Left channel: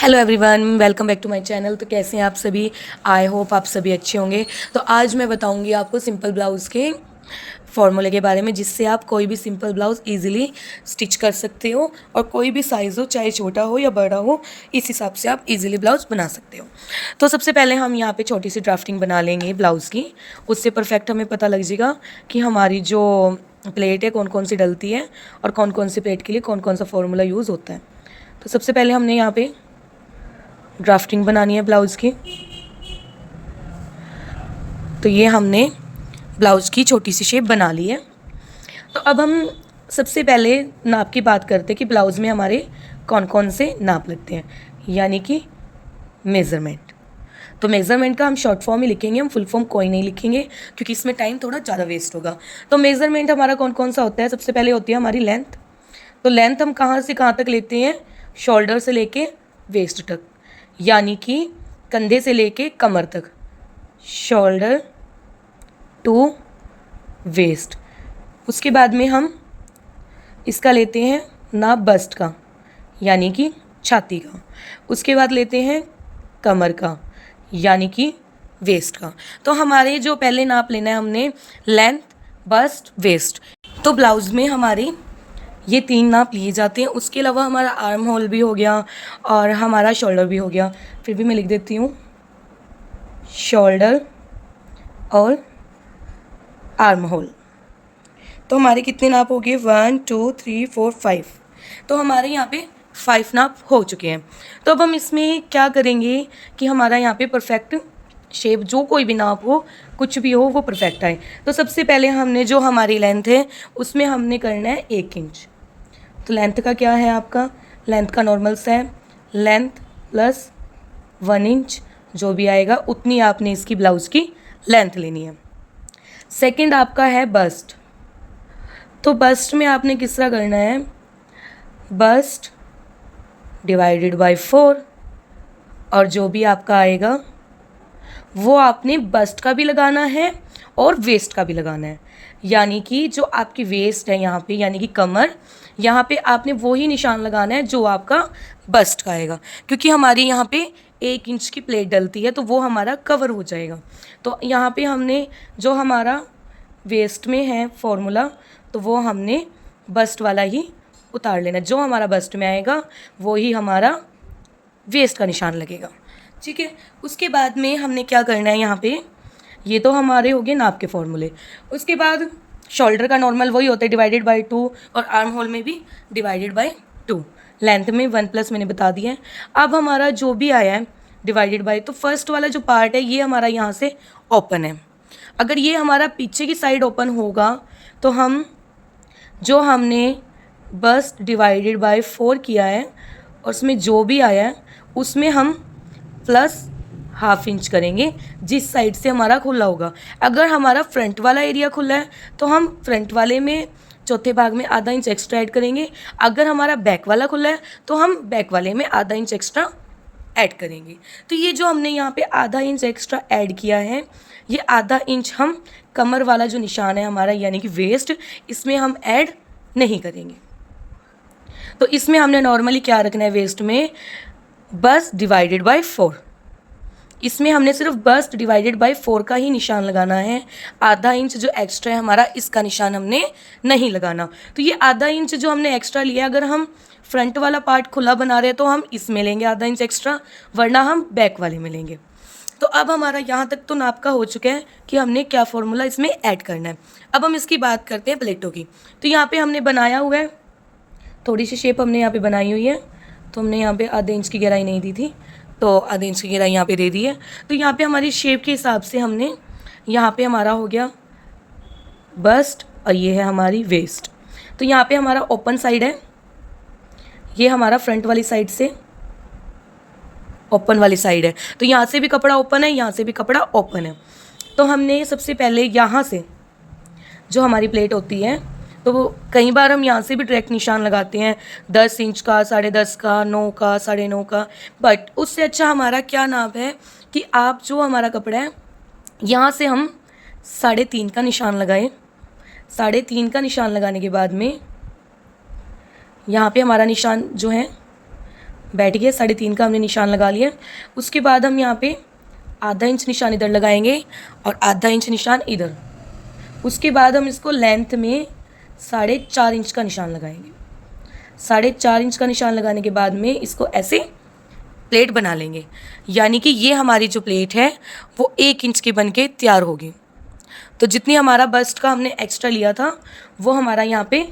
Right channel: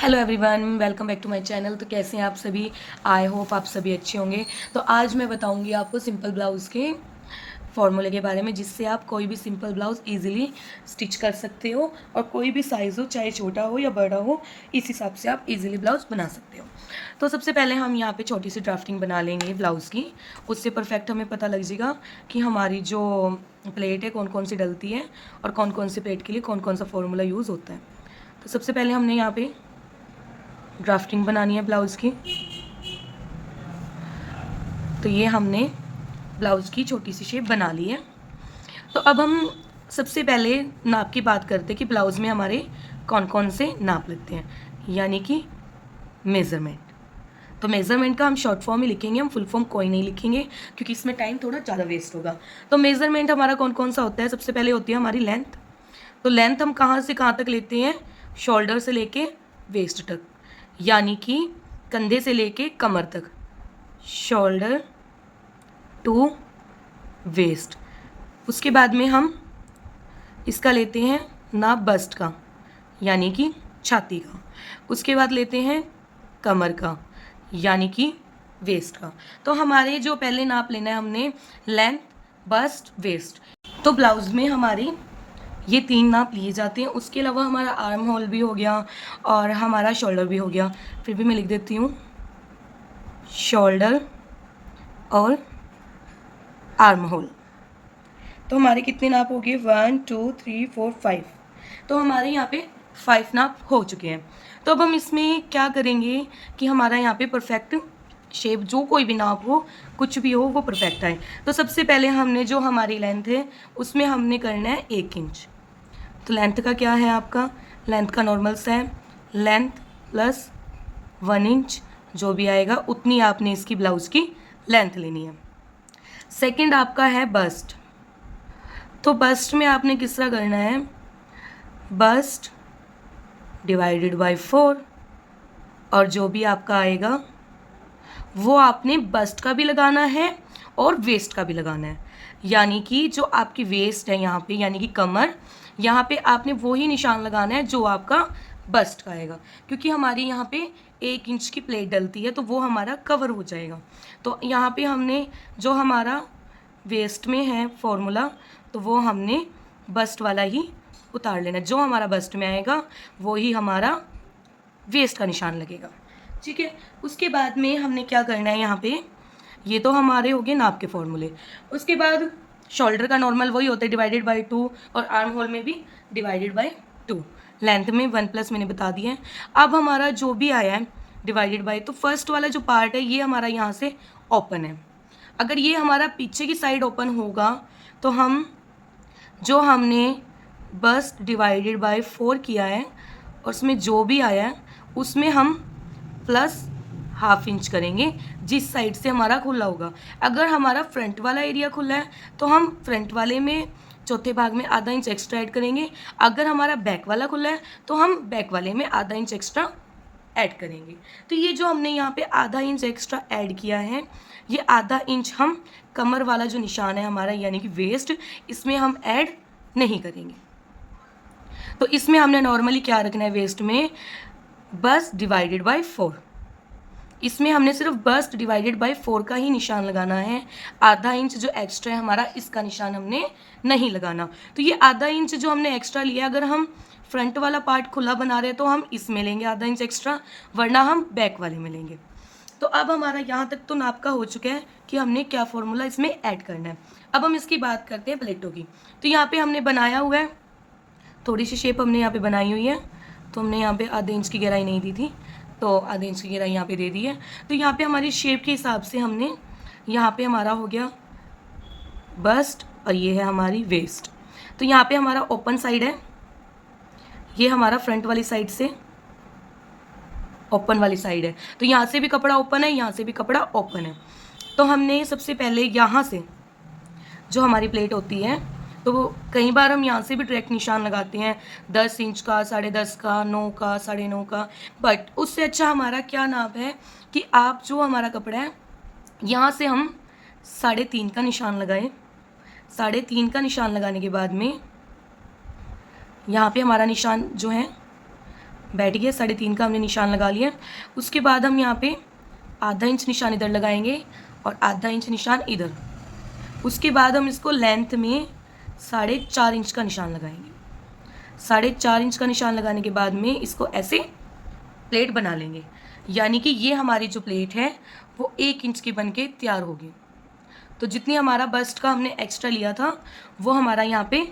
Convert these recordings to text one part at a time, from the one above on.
Hello everyone, welcome back to my channel. तो कैसे हैं आप सभी? आई होप आप सभी अच्छे होंगे। तो आज मैं बताऊंगी आपको सिंपल ब्लाउज़ के फॉर्मूले के बारे में, जिससे आप कोई भी सिंपल ब्लाउज़ इजीली स्टिच कर सकते हो और कोई भी साइज़ हो, चाहे छोटा हो या बड़ा हो, इस हिसाब से आप इजीली ब्लाउज़ बना सकते हो। तो सबसे पहले हम यहाँ पे छोटी सी ड्राफ्टिंग बना लेंगे ब्लाउज़ की। उससे परफेक्ट हमें पता लग जाएगा कि हमारी जो प्लेट है कौन कौन सी डलती है और कौन कौन सी प्लेट के लिए कौन कौन सा फॉर्मूला यूज़ होता है। तो सबसे पहले हमने यहाँ पे ड्राफ्टिंग बनानी है ब्लाउज़ की। तो ये हमने ब्लाउज़ की छोटी सी शेप बना ली है। तो अब हम सबसे पहले नाप की बात करते हैं कि ब्लाउज़ में हमारे कौन कौन से नाप लगते हैं, यानी कि मेज़रमेंट। तो मेज़रमेंट का हम शॉर्ट फॉर्म ही लिखेंगे, हम फुल फॉर्म कोई नहीं लिखेंगे क्योंकि इसमें टाइम थोड़ा ज़्यादा वेस्ट होगा। तो मेज़रमेंट हमारा कौन कौन सा होता है? सबसे पहले होती है हमारी लेंथ। तो लेंथ हम कहाँ से कहाँ तक लेते हैं? शोल्डर से लेके वेस्ट तक, यानी कि कंधे से लेके कमर तक, शोल्डर टू वेस्ट। उसके बाद में हम इसका लेते हैं नाप बस्ट का, यानी कि छाती का। उसके बाद लेते हैं कमर का, यानी कि वेस्ट का। तो हमारे जो पहले नाप लेना है हमने लेंथ, बस्ट, वेस्ट। तो ब्लाउज़ में हमारे ये 3 नाप लिए जाते हैं। उसके अलावा हमारा आर्म होल भी हो गया और हमारा शोल्डर भी हो गया। फिर भी मैं लिख देती हूँ शोल्डर और आर्म होल। तो हमारे कितने नाप हो गए? 1 2 3 4 5। तो हमारे यहाँ पे 5 नाप हो चुके हैं। तो अब हम इसमें क्या करेंगे कि हमारा यहाँ पे परफेक्ट शेप, जो कोई भी नाप हो, कुछ भी हो, वो परफेक्ट आए। तो सबसे पहले हमने जो हमारी लेंथ है उसमें हमने करना है 1 इंच। तो लेंथ का क्या है आपका? लेंथ का नॉर्मल सा है, लेंथ प्लस 1 इंच, जो भी आएगा उतनी आपने इसकी ब्लाउज़ की लेंथ लेनी है। सेकंड आपका है बस्ट। तो बस्ट में आपने किस तरह करना है? बस्ट डिवाइडेड बाय 4, और जो भी आपका आएगा वो आपने बस्ट का भी लगाना है और वेस्ट का भी लगाना है। यानी कि जो आपकी वेस्ट है यहाँ पे, यानी कि कमर, यहाँ पे आपने वो ही निशान लगाना है जो आपका बस्ट का आएगा, क्योंकि हमारी यहाँ पे 1 इंच की प्लेट डलती है तो वो हमारा कवर हो जाएगा। तो यहाँ पे हमने जो हमारा वेस्ट में है फॉर्मूला, तो वो हमने बस्ट वाला ही उतार लेना। जो हमारा बस्ट में आएगा वो ही हमारा वेस्ट का निशान लगेगा, ठीक है। उसके बाद में हमने क्या करना है यहाँ पे, ये तो हमारे हो गए नाप के फॉर्मूले। उसके बाद शोल्डर का नॉर्मल वही होता है डिवाइडेड बाय 2, और आर्म होल में भी डिवाइडेड बाय 2। लेंथ में 1 प्लस मैंने बता दिया है। अब हमारा जो भी आया है डिवाइडेड बाय, तो फर्स्ट वाला जो पार्ट है ये हमारा यहाँ से ओपन है। अगर ये हमारा पीछे की साइड ओपन होगा तो हम जो हमने बस्ट डिवाइडेड बाय 4 किया है और उसमें जो भी आया है उसमें हम प्लस ½ इंच करेंगे, जिस साइड से हमारा खुला होगा। अगर हमारा फ्रंट वाला एरिया खुला है तो हम फ्रंट वाले में चौथे भाग में ½ इंच एक्स्ट्रा ऐड करेंगे। अगर हमारा बैक वाला खुला है तो हम बैक वाले में ½ इंच एक्स्ट्रा ऐड करेंगे। तो ये जो हमने यहाँ पे ½ इंच एक्स्ट्रा ऐड किया है, ये ½ इंच हम कमर वाला जो निशान है हमारा, यानी कि वेस्ट, इसमें हम ऐड नहीं करेंगे। तो इसमें हमने नॉर्मली क्या रखना है? वेस्ट में बस डिवाइडेड बाय 4। इसमें हमने सिर्फ बस्ट डिवाइडेड बाय 4 का ही निशान लगाना है। ½ इंच जो एक्स्ट्रा है हमारा, इसका निशान हमने नहीं लगाना। तो ये ½ इंच जो हमने एक्स्ट्रा लिया, अगर हम फ्रंट वाला पार्ट खुला बना रहे हैं तो हम इसमें लेंगे ½ इंच एक्स्ट्रा, वरना हम बैक वाले में लेंगे। तो अब हमारा यहाँ तक तो नाप का हो चुका है कि हमने क्या फॉर्मूला इसमें ऐड करना है। अब हम इसकी बात करते हैं प्लेटों की। तो यहाँ पे हमने बनाया हुआ है, थोड़ी सी शेप हमने यहाँ पे बनाई हुई है। तो हमने यहाँ पे ½ इंच की गहराई नहीं दी थी, तो ½ इंच की गहराई यहाँ पे दे दी है। तो यहाँ पे हमारी शेप के हिसाब से हमने, यहाँ पे हमारा हो गया बस्ट और ये है हमारी वेस्ट। तो यहाँ पे हमारा ओपन साइड है, ये हमारा फ्रंट वाली साइड से ओपन वाली साइड है। तो यहाँ से भी कपड़ा ओपन है, यहाँ से भी कपड़ा ओपन है। तो हमने सबसे पहले यहाँ से जो हमारी प्लेट होती है, तो वो कई बार हम यहाँ से भी डायरेक्ट निशान लगाते हैं, 10 इंच का, 10.5 का, 9 का, 9.5 का। बट उससे अच्छा हमारा क्या नाप है कि आप जो हमारा कपड़ा है यहाँ से हम 3.5 का निशान लगाए। 3.5 का निशान लगाने के बाद में यहाँ पे हमारा निशान जो है बैठ गया, 3.5 का हमने निशान लगा लिया। उसके बाद हम यहाँ पे आधा इंच निशान इधर लगाएंगे और आधा इंच निशान इधर। उसके बाद हम इसको लेंथ में 4.5 इंच का निशान लगाएंगे। 4.5 इंच का निशान लगाने के बाद में इसको ऐसे प्लेट बना लेंगे, यानी कि ये हमारी जो प्लेट है वो 1 इंच की बन के तैयार होगी। तो जितनी हमारा बस्ट का हमने एक्स्ट्रा लिया था वो हमारा यहाँ पे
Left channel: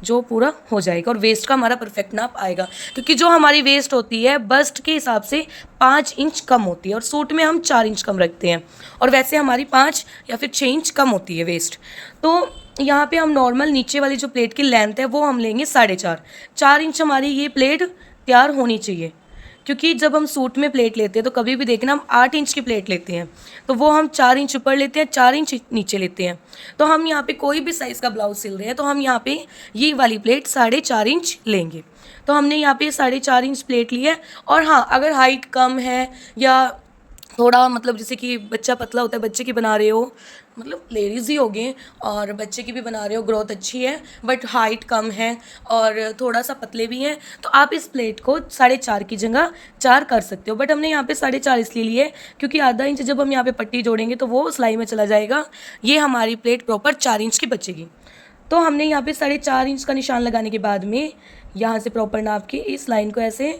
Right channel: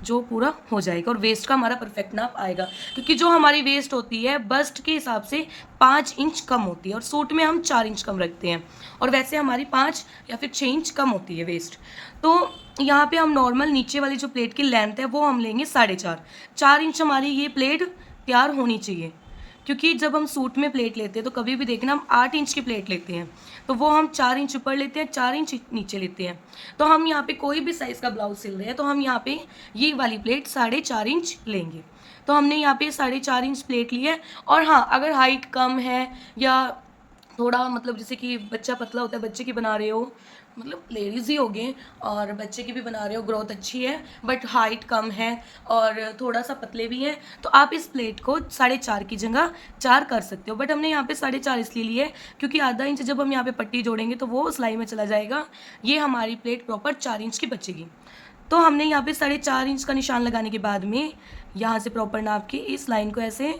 जो पूरा हो जाएगा, और वेस्ट का हमारा परफेक्ट नाप आएगा, क्योंकि जो हमारी वेस्ट होती है बस्ट के हिसाब से 5 इंच कम होती है, और सूट में हम 4 इंच कम रखते हैं, और वैसे हमारी 5 या फिर 6 इंच कम होती है वेस्ट। तो यहाँ पे हम नॉर्मल नीचे वाली जो प्लेट की लेंथ है वो हम लेंगे 4.5 इंच हमारी ये प्लेट तैयार होनी चाहिए, क्योंकि जब हम सूट में प्लेट लेते हैं तो कभी भी देखना हम 8 इंच की प्लेट लेते हैं, तो वो हम 4 इंच ऊपर लेते हैं, 4 इंच नीचे लेते हैं। तो हम यहाँ पे कोई भी साइज़ का ब्लाउज सिल रहे हैं तो हम यहाँ पे ये वाली प्लेट 4.5 इंच लेंगे। तो हमने यहाँ पे 4.5 इंच प्लेट ली है। और हाँ, अगर हाइट कम है या थोड़ा मतलब जैसे कि बच्चा पतला होता है, बच्चे की बना रहे हो, मतलब लेडीज़ ही हो गए और बच्चे की भी बना रहे हो, ग्रोथ अच्छी है बट हाइट कम है और थोड़ा सा पतले भी हैं, तो आप इस प्लेट को 4.5 की जगह 4 कर सकते हो। बट हमने यहाँ पे 4.5 इसलिए लिए है क्योंकि आधा इंच जब हम यहाँ पे पट्टी जोड़ेंगे तो वो सिलाई में चला जाएगा, ये हमारी प्लेट प्रॉपर 4 इंच की बचेगी। तो हमने यहाँ पे 4.5 इंच का निशान लगाने के बाद में यहाँ से प्रॉपर नाप के इस लाइन को ऐसे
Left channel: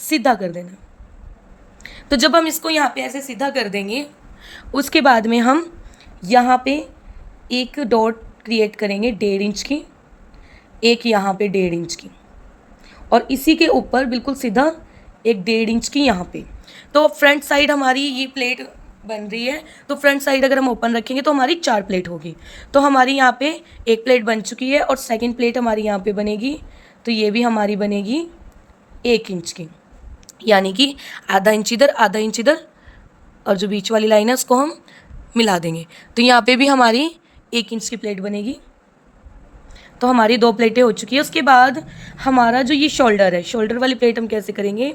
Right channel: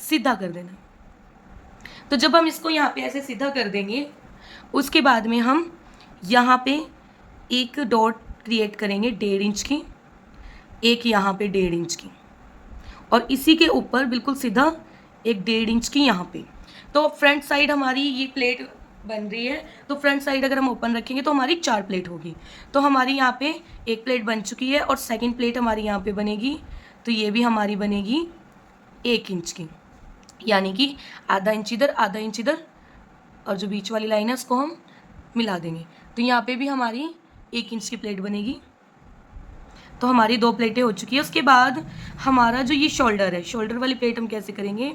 सीधा कर देना। तो जब हम इसको यहाँ पे ऐसे सीधा कर देंगे उसके बाद में हम यहाँ पे एक डॉट क्रिएट करेंगे 1.5 इंच की, एक यहाँ पे 1.5 इंच की, और इसी के ऊपर बिल्कुल सीधा एक 1.5 इंच की यहाँ पे। तो फ्रंट साइड हमारी ये प्लेट बन रही है, तो फ्रंट साइड अगर हम ओपन रखेंगे तो हमारी 4 प्लेट होगी। तो हमारी यहाँ पे एक प्लेट बन चुकी है और सेकंड प्लेट हमारी यहाँ पे बनेगी, तो ये भी हमारी बनेगी 1 इंच की, यानी कि आधा इंच इधर आधा इंच इधर, और जो बीच वाली लाइन है उसको हम मिला देंगे। तो यहाँ पे भी हमारी 1 इंच की प्लेट बनेगी। तो हमारी 2 प्लेटें हो चुकी है। उसके बाद हमारा जो ये शोल्डर है, शोल्डर वाली प्लेट हम कैसे करेंगे,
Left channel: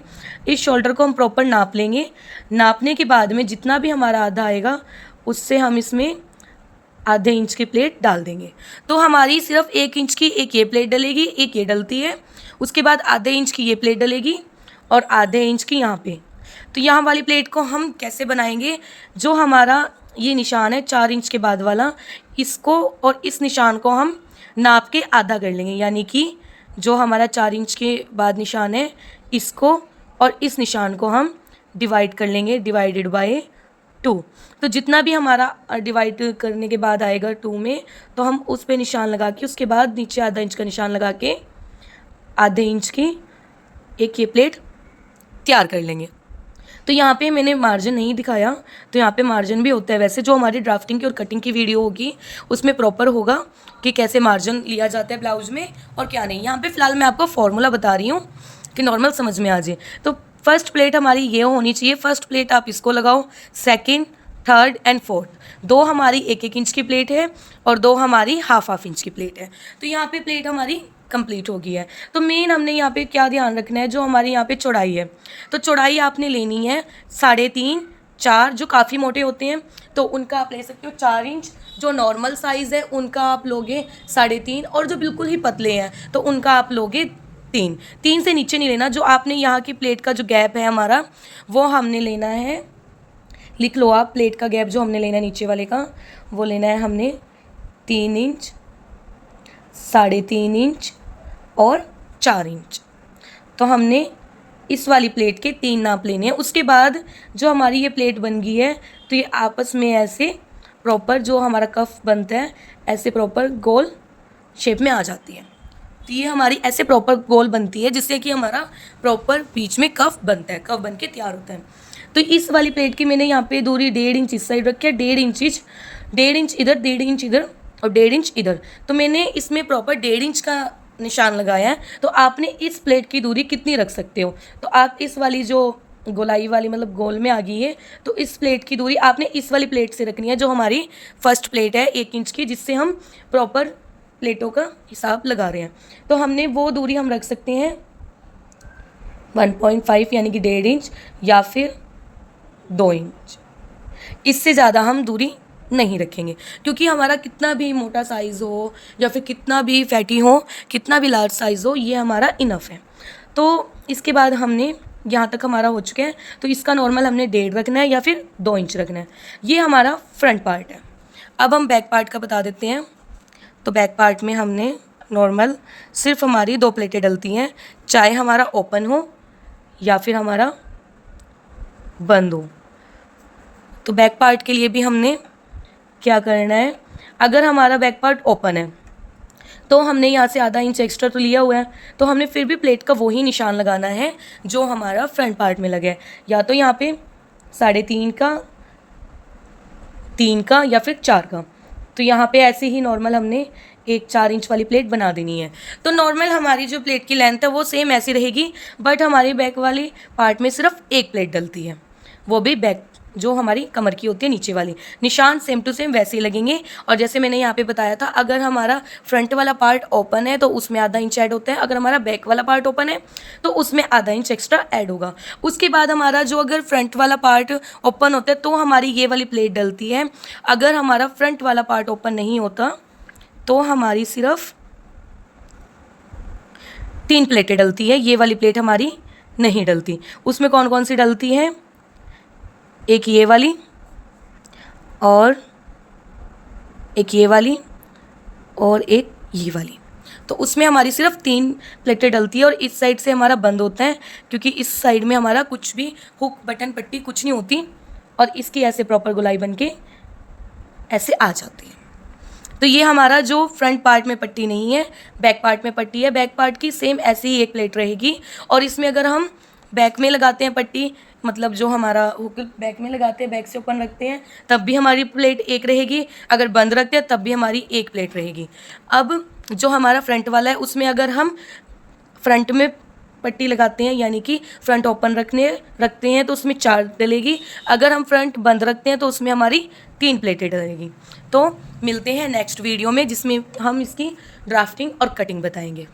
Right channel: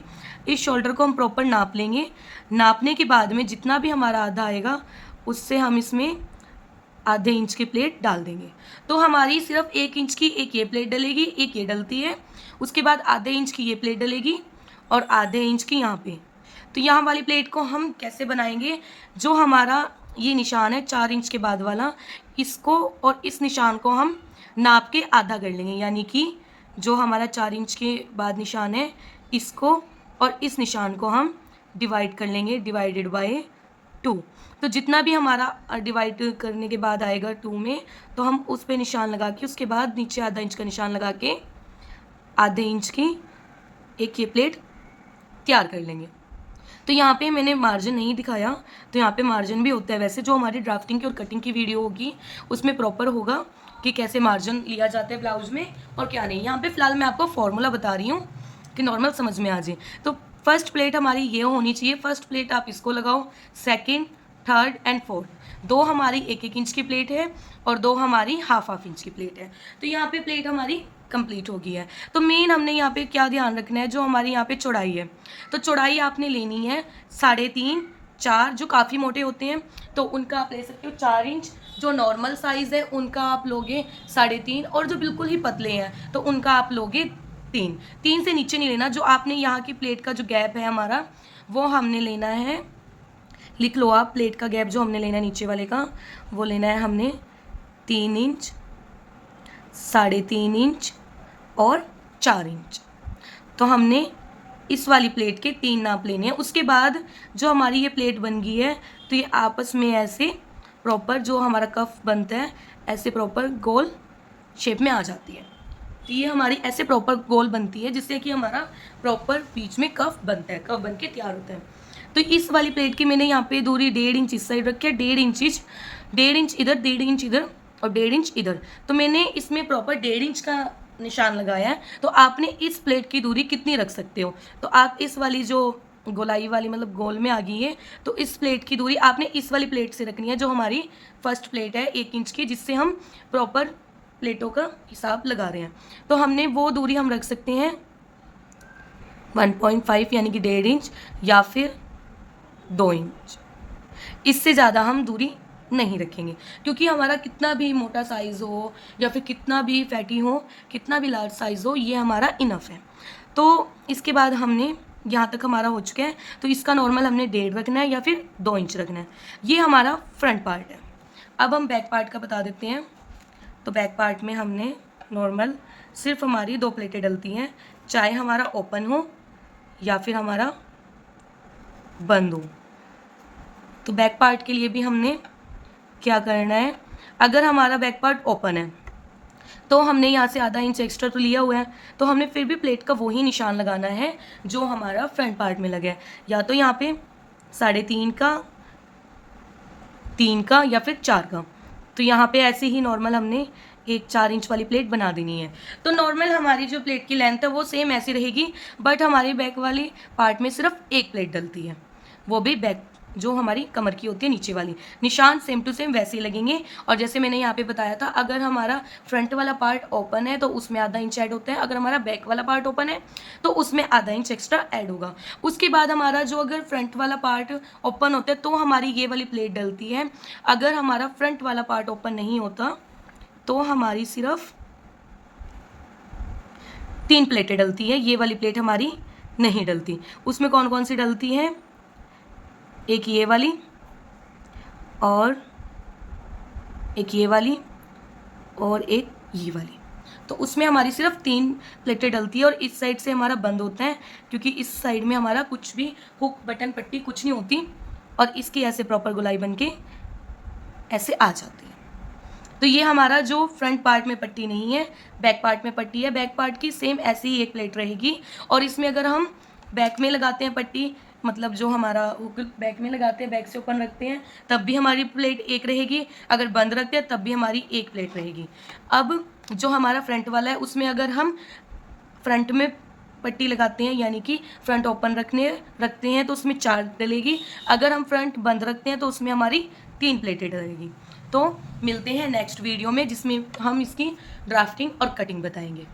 इस शोल्डर को हम प्रॉपर नाप लेंगे। नापने के बाद में जितना भी हमारा आधा आएगा उससे हम इसमें आधे इंच की प्लेट डाल देंगे। तो हमारी सिर्फ 1 इंच की एक ये प्लेट डलेगी, एक ये डलती है, उसके बाद आधे इंच की ये प्लेट डलेगी और आधे इंच की यहाँ पे। तो यहाँ वाली प्लेट को हम कैसे बनाएंगे, जो हमारा ये निशान है 4 इंच के बाद वाला, इसको और इस निशान को हम नाप के आधा कर लेंगे, यानी कि जो हमारा 4 इंच के बाद निशान है इसको और इस निशान को हम डिवाइड कर लेंगे, डिवाइडेड बाय 2। तो जितना भी हमारा डिवाइड करने के बाद आएगा 2 में, तो हम उस पे निशान लगा के उसके बाद नीचे आधा इंच का निशान लगा के आधे इंच की एक ये प्लेट तैयार कर लेंगे। तो यहाँ पे मैंने मार्जिन नहीं दिखाया, तो यहाँ पे मार्जिन भी होता है, वैसे जो हमारी ड्राफ्टिंग की और कटिंग की वीडियो होगी उसमें प्रॉपर होगा कि कैसे मार्जिन लिया जाता है ब्लाउज में और क्या नहीं। यहाँ पे फ़िलहाल मैं आपको फॉर्मूला बता रही हूँ कि नॉर्मल समझ में आ जाए। तो फर्स्ट प्लेट हमारी ये होनी चाहिए, फर्स्ट प्लेट आप इसको लगाओ, सेकेंड, थर्ड एंड फोर्थ, 2 हमारी 1-1 इंच की प्लेट है और 2 हमारी हाफ इंच की प्लेट है। तो यहाँ पे प्लेट हमारी कंप्लीट हो गई है। तो मेन हमने यहाँ पे क्या ध्यान रखना है, जो हमारी यहाँ पे चौड़ाई है, तो चौड़ाई आपने लेनी है 3.5, 4 जो काफ़ी मोटे होते हैं तो उनका आप ले सकते हो 4 इंच, जो नॉर्मल साइज़ है उनका आप लोगे 3.5, और जो बिल्कुल ही पतले हैं तो उनका आप लोगे 3 से नीचे नहीं लेना। जो आपने यहाँ की प्लेट का जो गैप है हमारा वो हमने लेना है, लिख लो आप, प्लेट का गैप जो हमने लेना है नीचे वाले का वो लेना है हमने 3 इंच, 3.5 इंच और 4 इंच। तो हमने इस वाली प्लेट के 3 नाप लेने हैं। उसके बाद जो हमारी ये प्लेट बन गई है तो ये आपस में ऐसे प्रॉपर जो हमारा कफ बनता है ऐसे प्रॉपर गोल शेप में आ जाती है। तो ये हमारी ऐसे प्रॉपर गोल बनती है जिससे कि हमारा प्रॉपर बीच में कफ बनता है, कफ बन के तैयार होता है। तो इस वाली प्लेट की मैंने यहाँ पे दूरी 1.5 इंच इस साइड रखी है, 1.5 इंच इधर, 1.5 इंच इधर और 1.5 इंच इधर। तो मैंने इसमें प्रॉपर 1.5 इंच का निशान लगाया है। तो आपने इस प्लेट की दूरी कितनी रख सकते हो, तो आप इस वाली जो गोलाई वाली मतलब गोल में आ गई है, तो इस प्लेट की दूरी आपने इस वाली प्लेट से रखनी है जो हमारी फर्स्ट प्लेट है 1 इंच की, जिससे हम प्रॉपर प्लेटों का हिसाब लगा रहे हैं। तो हमने वो दूरी हम रख सकते हैं 1.5 यानी कि 1.5 इंच या फिर 2 इंच, इससे ज़्यादा हम दूरी नहीं रखेंगे, क्योंकि हमारा कितना भी मोटा साइज़ हो या फिर कितना भी फैटी हो, कितना भी लार्ज साइज़ हो, ये हमारा इनफ है। तो इसके बाद हमने यहाँ तक हमारा हो चुका है, तो इसका नॉर्मल हमने 1.5 रखना है या फिर 2 इंच रखना है। ये हमारा फ्रंट पार्ट है। अब हम बैक पार्ट का बता देते हैं। तो बैक पार्ट में हमने नॉर्मल सिर्फ हमारी 2 प्लेटें डलती हैं, चाहे हमारा ओपन हो या फिर हमारा बंद हो। तो बैक पार्ट के लिए भी हमने क्या करना है, अगर हमारा बैक पार्ट ओपन है तो हमने यहाँ से आधा इंच एक्स्ट्रा तो लिया हुआ है, तो हमने फिर भी प्लेट का वही निशान लगाना है जो हमारा फ्रंट पार्ट में लगे, या तो यहाँ पे 3.5 का, 3 का या फिर 4 का। तो यहाँ पे ऐसे ही नॉर्मल हमने एक 4 इंच वाली प्लेट बना देनी है। तो नॉर्मल हमारी जो प्लेट की लेंथ है वो सेम ऐसी रहेगी, बट हमारी बैक वाली पार्ट में सिर्फ एक प्लेट डलती है, वो भी बैक जो हमारी कमर की होती है नीचे वाली। निशान सेम टू सेम वैसे ही लगेंगे। और जैसे मैंने यहाँ पे बताया था, अगर हमारा फ्रंट वाला पार्ट ओपन है तो उसमें आधा इंच ऐड होता है, अगर हमारा बैक वाला पार्ट ओपन है तो उसमें आधा इंच एक्स्ट्रा ऐड होगा। उसके बाद हमारा जो अगर फ्रंट वाला पार्ट ओपन होता है तो हमारी ये वाली प्लेट डलती है। अगर हमारा फ्रंट वाला पार्ट ओपन नहीं होता तो हमारी सिर्फ 3 प्लेटें डलती है, ये वाली प्लेट हमारी नहीं डलती। उसमें कौन कौन सी डलती है, एक ये वाली और एक ये वाली और एक ये वाली। तो उसमें हमारी सिर्फ 3 प्लेटें डलती है और इस साइड से हमारा बंद होता है, क्योंकि इस साइड में हमारा कुछ भी हुक बटन पट्टी कुछ नहीं होती, और इसकी ऐसे प्रॉपर गोलाई बन के ऐसे आ जाती है। तो ये हमारा जो फ्रंट पार्ट में पट्टी नहीं है, बैक पार्ट में पट्टी है। बैक पार्ट की सेम ऐसी ही एक प्लेट रहेगी, और इसमें अगर हम बैक में लगाते हैं पट्टी, मतलब जो हमारा हुक बैक में लगाते हैं, बैक से ओपन रखते हैं, तब भी हमारी प्लेट एक रहेगी, अगर बंद रखते हैं तब भी हमारी एक प्लेट रहेगी। अब जो हमारा फ्रंट वाला है उसमें अगर हम फ्रंट में पट्टी लगाते हैं, यानी कि फ्रंट ओपन रखते हैं तो उसमें 4 डलेगी, अगर हम फ्रंट बंद रखते हैं तो उसमें हमारी 3 प्लेटें डलेगी। तो मिलते हैं नेक्स्ट वीडियो में, जिसमें हम इसकी ड्राफ्टिंग और कटिंग बताएंगे।